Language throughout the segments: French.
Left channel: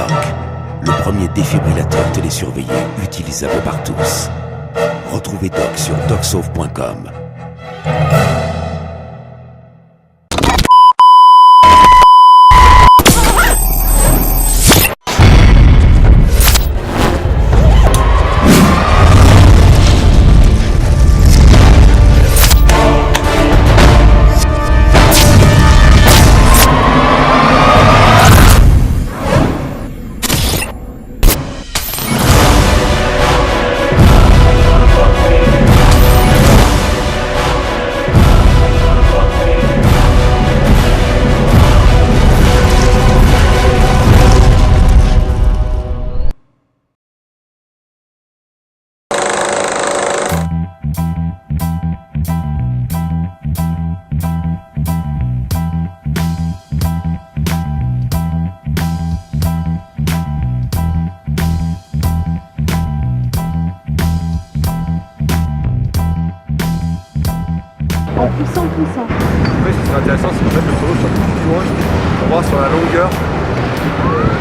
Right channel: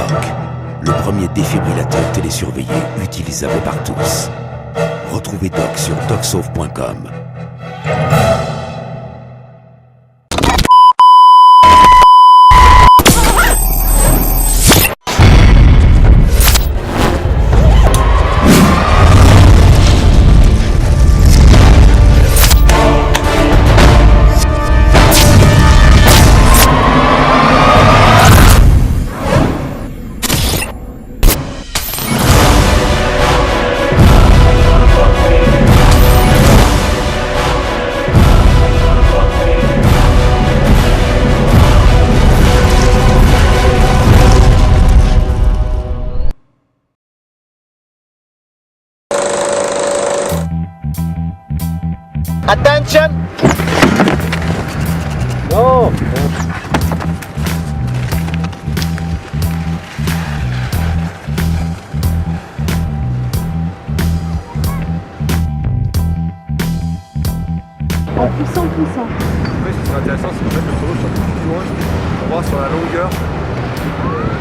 Doc, le premier défibrillateur télésurveillé utilisable par tous. Retrouvez Doc sur docsauve.com. Attention! Oh! En poussant. Après, ce qui serait intéressant, c'est qu'en fait le taureau soit plus loin pour voir sur la longueur.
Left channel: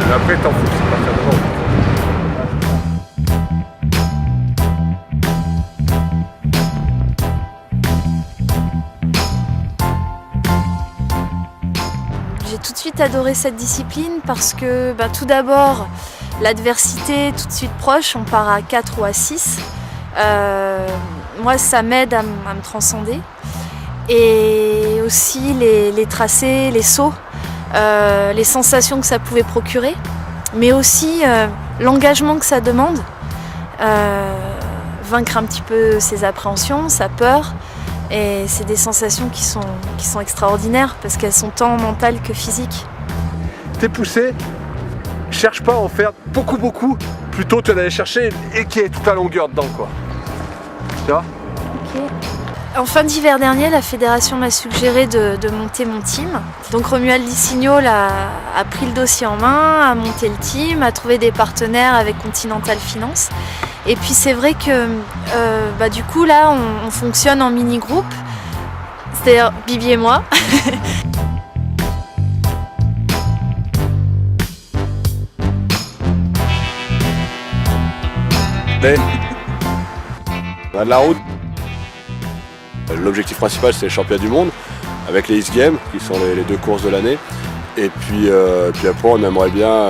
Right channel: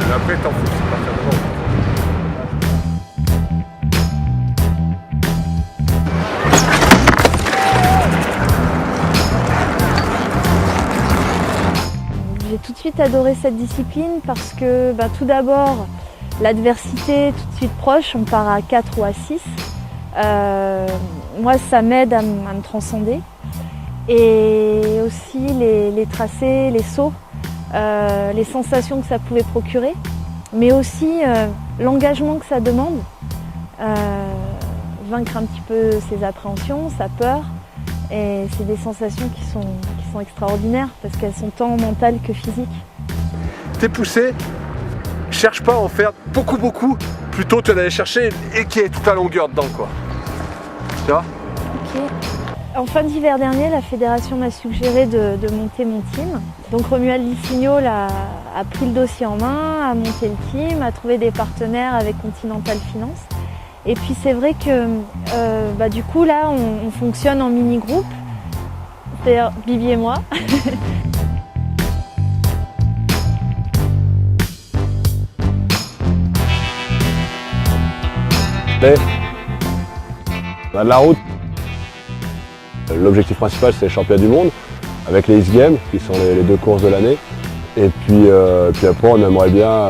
Et après, t'en fous, c'est partir devant. J'ai tout de suite adoré cette discipline parce que tout d'abord, l'adversité tout de suite proche, on part à 4 ou à 6. Moi, ça m'aide à me transcender. Et aussi les tracés, les sauts, les sensations que ça pouvait procurer, mais aussi l'engagement que ça demande, vaincre un petit peu ses appréhensions, sa peur. Et c'est des sensations qui sont extraordinaires parce qu'elles sont tant mentales que physiques. T'es poussé, cherche pas à en faire beaucoup, plutôt que d'aller chercher et qu'il y ait toute la longueur dedans, quoi. Tu vois? Ok. En fin d'hiver dernier, la fédération m'a suggéré de monter mon team. Donc Romuald Di Signo a pris le dossier en main, a monté le team, a trouvé des partenaires avec Continental Finance. Et puis c'est vrai que du coup là, on fonctionne en mini-groupe, c'est-à-dire Bibi et moi. La route. L'objectif principal, c'est les championnats du monde, avec les X-Games, qui sont les 2 courses de l'année. Et puis après, on aimerait bien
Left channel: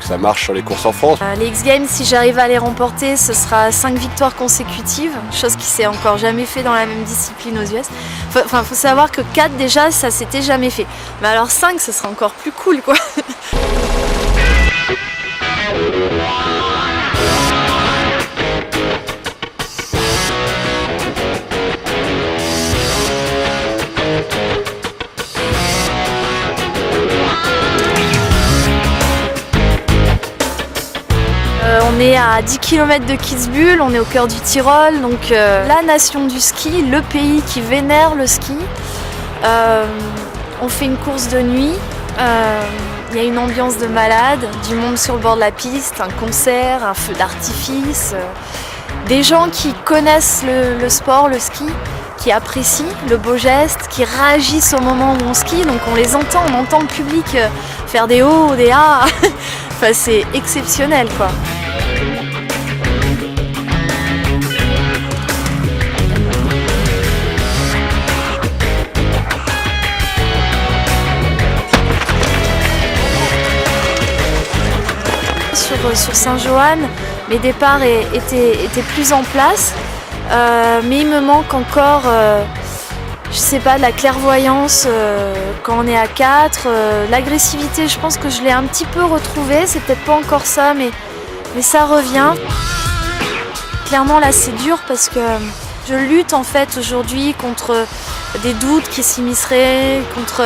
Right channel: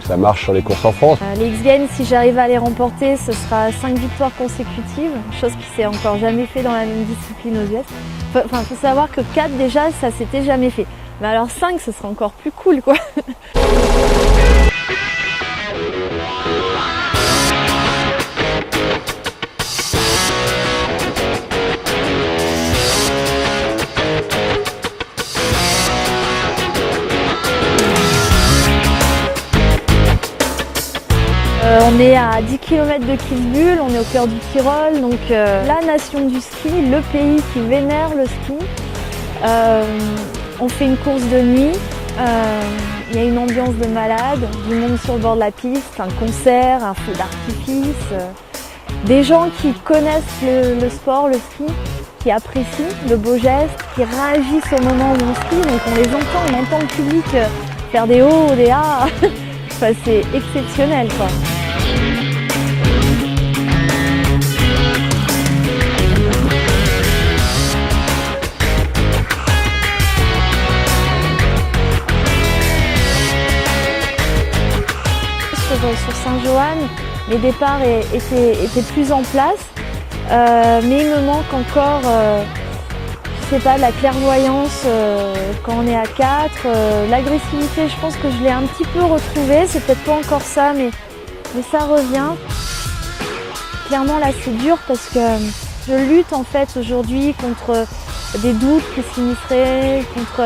que ça marche sur les courses en France. Les X-Games, si j'arrive à les remporter, ce sera 5 victoires consécutives, chose qui s'est encore jamais fait dans la même discipline aux US. Enfin, faut savoir que 4 déjà, ça s'était jamais fait. Mais alors 5, ce sera encore plus cool, quoi. À 10 km de Kitzbühel, on est au cœur du Tyrol, donc la nation du ski, le pays qui vénère le ski. On fait une course de nuit, il y a une ambiance de malade, du monde sur le bord de la piste, un concert, un feu d'artifice, des gens qui connaissent le sport, le ski, qui apprécient le beau geste, qui réagissent au moment où on skie, donc on les entend, on entend le public faire des hauts, des ah. Enfin, c'est exceptionnel, quoi. Sur Saint-Johann, les départs étaient plus en place, mais il me manque encore, je sais pas, de la clairvoyance quand on est à 4. L'agressivité, je pense que je l'ai un petit peu retrouvée, c'est peut-être pas encore ça, mais ça revient. Clairement là c'est dur parce que je lutte en fait aujourd'hui contre des doutes qui s'immisceraient, contre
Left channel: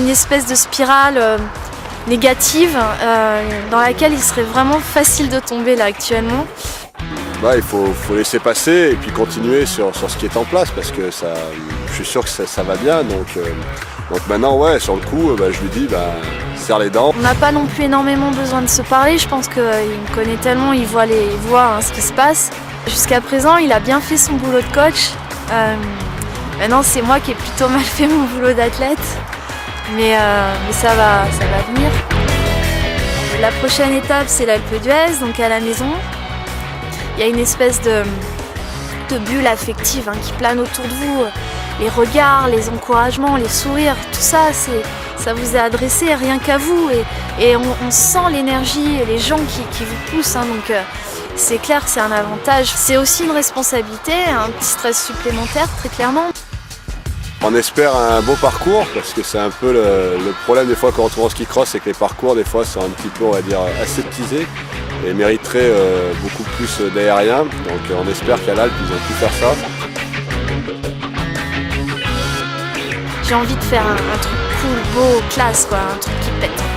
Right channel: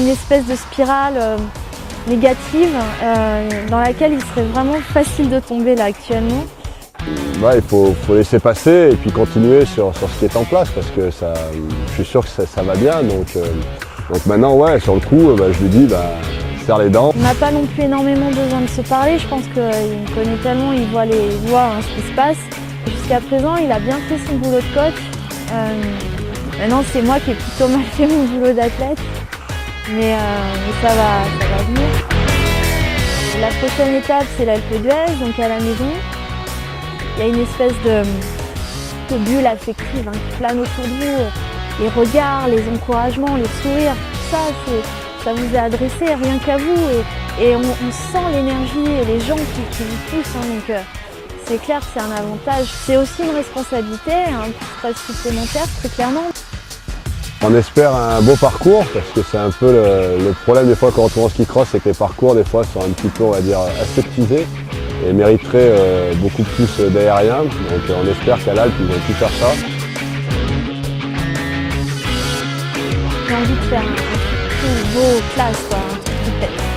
une espèce de spirale négative dans laquelle il serait vraiment facile de tomber là actuellement. Il faut laisser passer et puis continuer sur ce qui est en place parce que ça, je suis sûr que ça va bien. Donc maintenant, ouais, sur le coup, je lui dis, serre les dents. On n'a pas non plus énormément besoin de se parler. Je pense qu'il me connaît tellement, il voit ce qui se passe. Jusqu'à présent, il a bien fait son boulot de coach. Maintenant, c'est moi qui ai plutôt mal fait mon boulot d'athlète. Mais ça va venir. La prochaine étape, c'est la L'Alpe d'Huez, donc à la maison. Il y a une espèce de bulle affective qui plane autour de vous. Les regards, les encouragements, les sourires, tout ça, ça vous est adressé rien qu'à vous. Et on sent l'énergie, les gens qui vous poussent. Donc c'est clair que c'est un avantage. C'est aussi une responsabilité, un petit stress supplémentaire, très clairement. On espère un beau parcours, parce que c'est un peu le problème des fois quand on tourne en ski cross, c'est que les parcours des fois sont un petit peu, on va dire, aseptisés et mériteraient beaucoup plus d'aérien. Donc on espère qu'à l'Alpe, ils vont pu faire ça. J'ai envie de faire un truc cool, beau, classe, quoi, un truc qui pète.